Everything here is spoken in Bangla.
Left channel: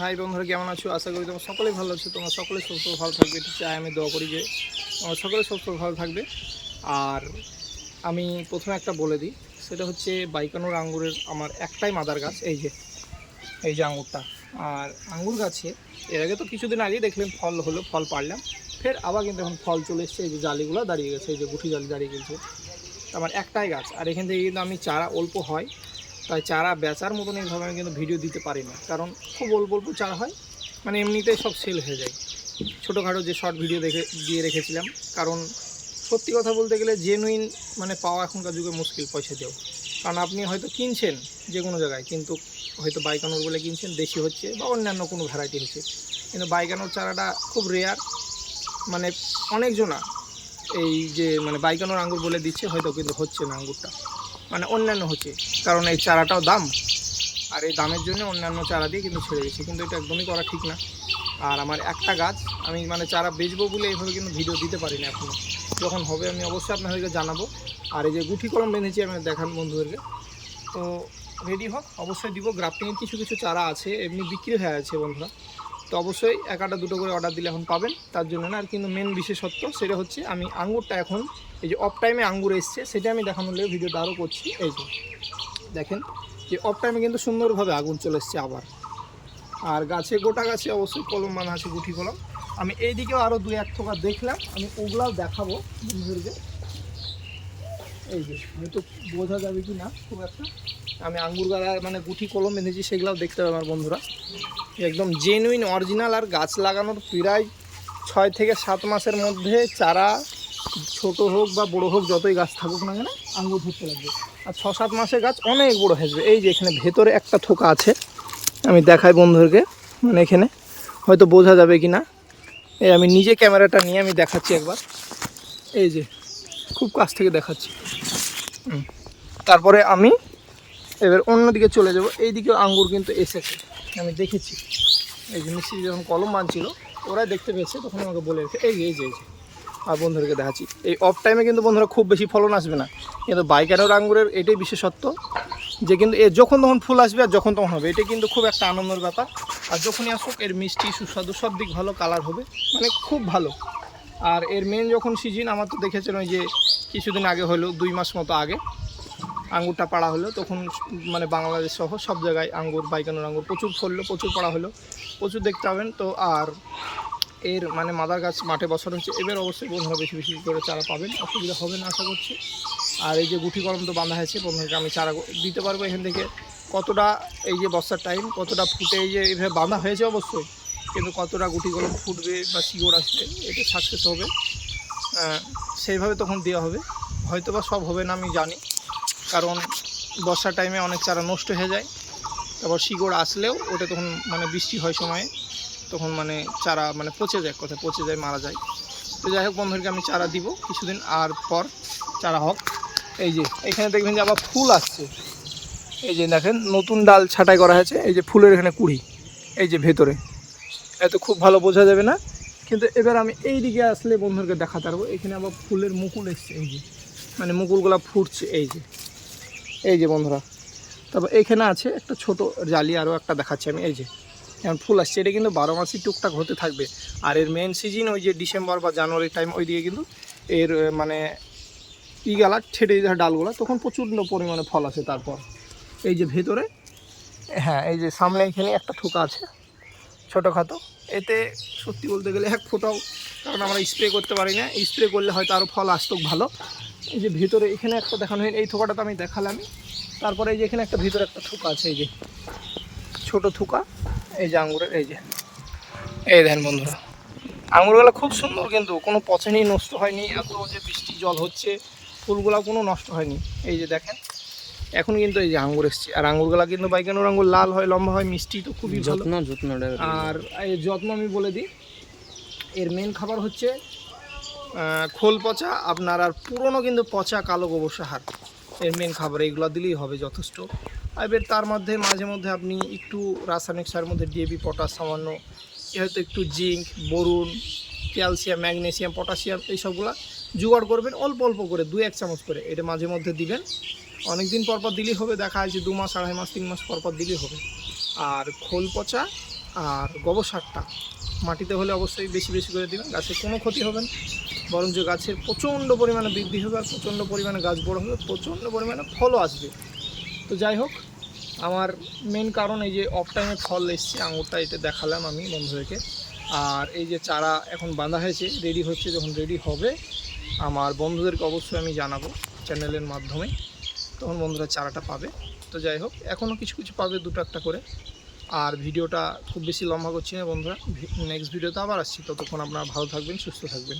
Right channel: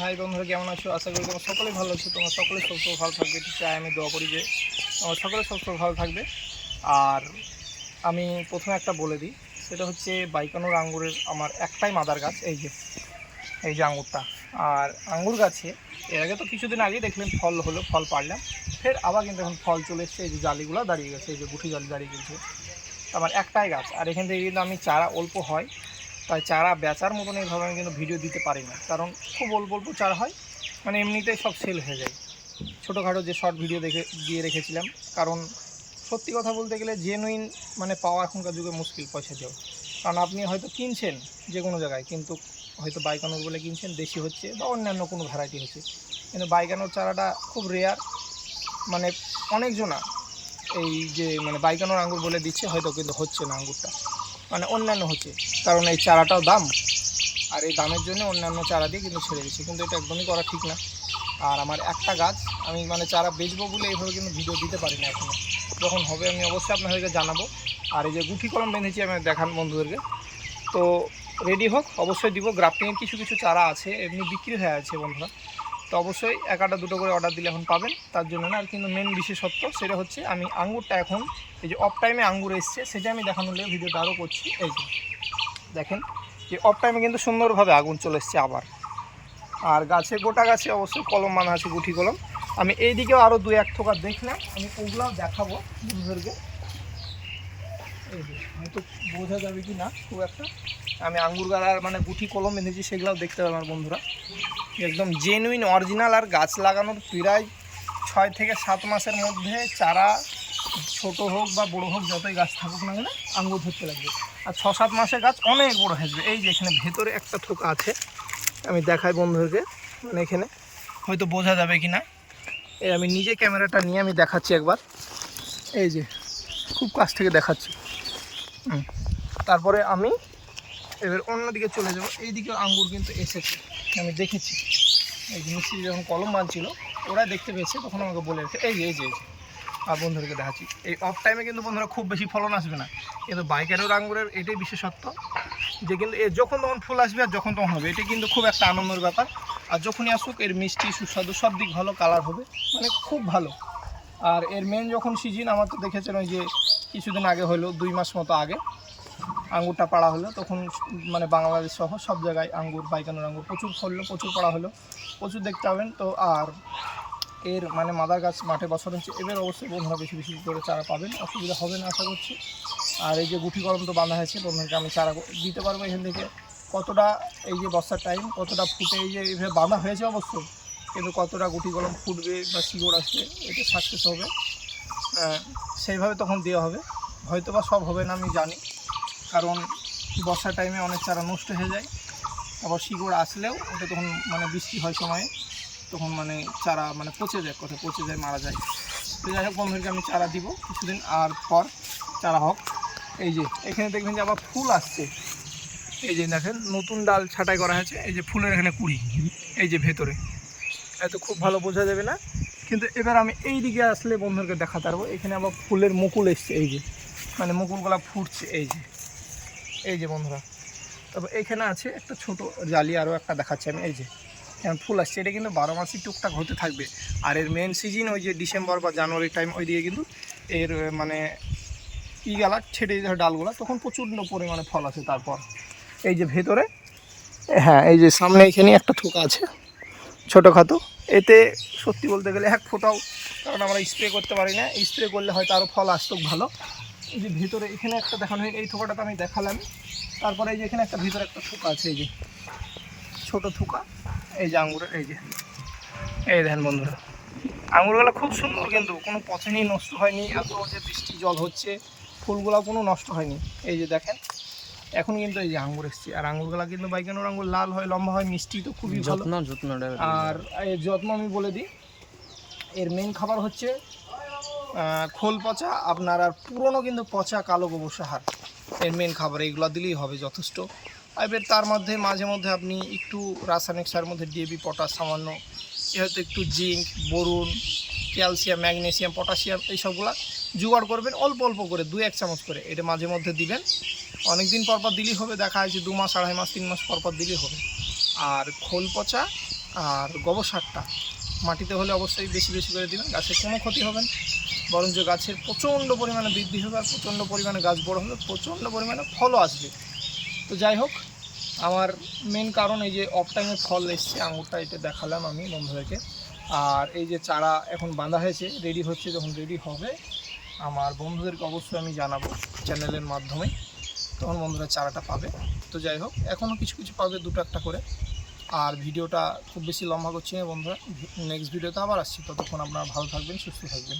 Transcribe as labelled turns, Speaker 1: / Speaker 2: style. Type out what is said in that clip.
Speaker 1: হাই বন্ধুরা, কেমন আছো? আশা করি তোমার সকলেই ভালো আছো। তোমার সকলে সবসময় ভালো থাকবে। এটি চাই আমি দোয়া করি যে তোমার সকলে সবসময় ভালো থাকবে। আর আমি প্রথমে একটা বলে দিই, সেটা হচ্ছে বাইকানোর আঙ্গুরের আমার একটাই মাদার গাছ, এই যে এই যে আঙুরটা আর আঙ্গুর গাছে, এর আগে তো কিছুদিন আগেই দেখলেন ফল হলো, ফল পারলাম ফের আবার কিন্তু এখন ফল চলে এসছে, এই যে জালিগুলো দাঁড়িয়ে গেছে, এই যে গুঠি জালি দাঁড়িয়ে গেছে। আমার একটাই গাছ। আর এখান থেকে কিন্তু আমি চারা অল্প হয় তাই চারা বেচার মতন এইভাবে আমি কিন্তু ভিডিও দিতে পারি না। কারণ খুব অল্প অল্প চারা হয় মানে এমনিতেই সব সেল হয়ে যায়। ছোটোখাটো যে শর্ট ভিডিও দেখে, দিয়ে রেখেছিলাম, কারণ সত্যি কথা বলতে গেলে জেনুইন মানে পাওয়া এখনকার যুগে মুশকিল পয়সা দিয়েও। কারণ আপনি হয়তো কিনছেন যে কোনো জায়গায়, কিন্তু হয়তো বাইকানোর বলে কিনছেন, দেশি হচ্ছে বা অন্যান্য কোনো ভ্যারাইটি হচ্ছে। কিন্তু বাইকানোর চারাটা খুব রেয়ার মানে অনেকজনা এই যে মানে বাইকানোর আঙ্গুর বলে দিচ্ছে, হয়তো কিন্তু হচ্ছে না আঙ্গুরটা। মানে অন্যান্য হচ্ছে। কারণ এই চারাটাও দাম। আর এই দামের জন্য অন্যান্য চারা দিয়ে কিন্তু ছেড়ে দিচ্ছে। কিন্তু এটা একদমই করা ঠিক না। আর আমার একটা গাছ, আমি মানে চারা বেচবো বলে এইভাবে কিন্তু ভিডিও দিতে পারি না এখনও যখন হবে আমি অবশ্যই আপনাদেরকে জানাব। আর এই যে গুঠি কলম বেঁধেছি আমি দেখান বন্ধুদেরকে। তো রেডি হোক, অবশ্যই দিব। গ্রাফটিংয়ের কিছু কিছু চারা আছে, এমনি বিক্রি হয়ে আছে বন্ধুরা। তো অবশ্যই এক একটা দুটো করে অর্ডার দিলে এখন পাবেন। তার জন্য না, আর কিন্তু মেন বিশেষত্ব সেটা হচ্ছে আমি আঙ্গুরটা এখন এই যে অফ টাইমে আঙ্গুর এসছে, সেটা আমি দেখানোর লেগে ভিডিওটা আরও করছি। এই যে, দেখেন যে অফ টাইমে কিন্তু সুন্দরভাবে আগুন চলে এসছে আবার। আর গাছে, গোটা গাছে অবশ্যই কলম মানা আছে গুঠি কলম। আমি এই দিকেও আরও দু এক থোকা দেখলাম, আমি ওগুলাও দেখাবো বন্ধুদেরকে। এই যে, হয়তো বোঝা যাবে কি না, খুব একটা। আমি আঙ্গুর গাড়ার মানে গুঠি কলম এনেছি সেগুলোও দেখতে পাবে আমার বন্ধুরা। একদম জেনুইন অরিজিনাল আর গাছ লাগানোর প্রায় ছয় থেকে সাত মাসের মধ্যে চারা, ছোট হোক বা বড় হোক, যতই গাছ থাকুক না কেন, আঙ্গুর ধরতে লাগবে। আর ছ সাত মাসের গাছ অনেক বড় হয়ে এই যে, এখানে ভেতরে একটা থোকা আছে। আমি দেখাই বন্ধুদেরকে মানে এখানে। হয়তো বোঝা যাবে কি না। এই আমি নিজে ক্যামেরাটা নিয়ে আমি দেখাচ্ছি একবার। এই যে খুব কাছ থেকে দেখাচ্ছি। তারপরে আমি এবার অন্যদিকে চলে যাব। এইদিকে আঙ্গুর কিন্তু এসেছে। আমি দেখেছি। এই যে মিস্ত্রি যখন কলম মানছিল ওরাই দেখতে পেয়েছে, তখন আমাকে বলে রেখে এই যে এই যে এই যে। আর বন্ধুদেরকে দেখাচ্ছি। এই অফ টাইমে কিন্তু বন্ধুরা খুব বেশি ফলন আসবে না। কিন্তু বাইকানোর আঙ্গুরের এটাই বিশেষত্ব যে কিন্তু এ যখন তখন ফুল আসবে আর যখন তখন হবে। এটা কিন্তু খুব একটা আনন্দের ব্যাপার। আর যখনই আসুক, এর মিষ্টি, সুস্বাদু সব দিক ভালো কালার হবে। মানে খুব ভালো। আর এর মেন যখন সিজন আমার তো দেখেছেন ওই যে কিছুদিন আগে হলো, দুই মাস মতো আগে। আঙ্গুরটা পাড়া হলো, তখন মানে বাংলাদেশ সহ সব জায়গায় আঙ্গুর, বাইকানোর আঙ্গুর প্রচুর ফললো, প্রচুর পাড়া হলো, প্রচুর দেখতে পাবেন। তো আর এর মানে মাদার গাছ মাঠে বছর হচ্ছে, এবার অবশ্যই বন্ধুরা বেশি বেশি করে চারা পাবেন, অসুবিধা হবে না আশা করছি। আর এই যে গুঠি কলম তো বাঁধা হয়েছে, বন্ধুদেরকে আমি চারা দিতে পারব এখান থেকে। কতটা এই যে বর্ষার টাইম কতটা ফুটে এই যে এইভাবে বাঁধা হয়েছে অবশ্যই। কিন্তু কতটা গুটি কলম ফুটবে বা শিকড় আসবে, এটা সাকসেস হবে। সেইভাবে তখন দেওয়া হবে। হয়তো বা সব হবে না, আমি জানি। কারণ বর্ষার টাইমে অনেক চারা নষ্ট হয়ে যায়। তারপর শিকড় আসলেও ওটা তখন মানে বৃষ্টি হয় সময়ে, তখন মানে চারা মানে পচে যায় কোথায় পচে যায়, মারা যায়। তো যাই হোক বন্ধুদেরকে, আমি চারা দিব কিছুদিন, আর পর চারা হোক। এই যে, এখানে দেখবেন যে আবার ফুল আসছে। এই যে দেখেন, নতুন ডাল ছাঁটাই করা হয়েছে। এই যে ফুলের এখানে কুড়ি, এই যে ভেতরে। এত খুব ভালো বোঝা যাবে না। কিন্তু এবার আমি এই দিকে আসলে বন্ধুদেরকে দেখাতে পারব। এখানে আবার ফুলের মুকুল এসছে, এই যে। মানে মুকুলগুলা ফুটছে, এই যে। এই যে বন্ধুরা। তারপর এখানে আছে একটা ছোট জালি আরও একটা দেখাচ্ছি আমি, এই যে। যেমন ফুল আসছে, এটা কিন্তু বারো মাসই টুকটাক হতে থাকবে। আর এর মেন সিজন ওই যে ডিসেম্বর বা জানুয়ারি টাইম ওই দিকে কিন্তু এর মানে ইগালা ছেড়ে যায় ডালগুলা, তখন প্রচণ্ড পরিমাণে ফল আসে তারপর। এই যে ভেতরে হ্যাঁ এই যে সামনে এখানে একটা ঠোকা আছে। ছোটোখাটো। এতে সত্যি বলতে গেলে এক ফোটাও, কারণ আমরা স্প্রে করতে পারি না। স্প্রে করলে হয়তো আরও ফল আসতো ভালো। এই যে ভিতরে এখানে একটা দেখানো হয়নি, এই থোকাটা তো আমি দেখালাম। তারপরে এই যে এখানে একটা ভিতরে একটা থোকা আছে, এই যে ছোটো থোকা। এই যে আঙুরের এই যে। এই দেখেন বন্ধুরা আঙুরগুলো খুব সুন্দর কিন্তু, কোনো পচনই নষ্ট হয়নি। এত যে বৃষ্টি জল হচ্ছে ফুলগুলো কোনো নষ্ট হয়নি। এই যে দেখেন এখন কিন্তু এই যে আঙ্গুর এসছে। আর আঙ্গুরগুলা কিন্তু বাইকানোর আঙ্গুর লাল হয় লম্বা হয় মিষ্টি তো খুবই ভালো।
Speaker 2: যত্ন যত্নটা
Speaker 1: আর এর যত্ন আমি বলে দিই এর মেন খাবার হচ্ছে খোল পচা আপনার আর পুরনো কিন্তু পচা কালো গোবর সার এর মেন খাবার। এইগুলো দিলেই হবে যথেষ্ট। আর এবার তার মধ্যে মাঝে মধ্যে আপনি একটু রাসায়নিক সারের মধ্যে ডিএপি পটাশ সামান্য এ হয়তো একটু জিঙ্ক বরুন ক্যালসিয়াম ম্যাগনেসিয়াম পটাশিয়াম এইসবগুলো জোগাড় করবেন অল্প অল্প করে দু এক চামচ করে এটা মাঝে মধ্যে দিবেন। অনেক দিন পর পর দিলেই হবে, দেখা যাচ্ছে দু মাস, আড়াই মাস, তিন মাস পর পর দিলেই হবে। আর খোল পচা আর গোবর সারটা, মাটিতে হলে অবশ্যই বেশি বেশি করে দিবেন গাছের কোনো ক্ষতি হবে না। বরঞ্চ গাছের প্রচণ্ড পরিমাণে বৃদ্ধি হবে আর প্রচণ্ড পরিমাণে গাছ বড় হবে, প্রচণ্ড পরিমাণে ফলও আসবে। তো যাই হোক, আমার মেন কারণ এই যে অফ টাইমে ফল এসছে, আঙুরটা এটা দেখালাম আমি বন্ধুদেরকে। আর এই যে চারা এখন বাঁধা হয়েছে রেডি হচ্ছে, যখন রেডি হবে, আমার বন্ধুদেরকে অবশ্যই আমি জানাব চ্যানেলের মাধ্যমে। তখন বন্ধুরা চারাটা পাবে। তো যাই হোক এখনও কিছু কিছু পাবে দুটো একটা করে। আর ভিডিওটা খুব বেশি লম্বা করছি না বন্ধুরা। নেক্সট ভিডিওতে আবার আসছি। ততক্ষণ আপনারা ভালো থাকবেন, সুস্থ থাকবেন।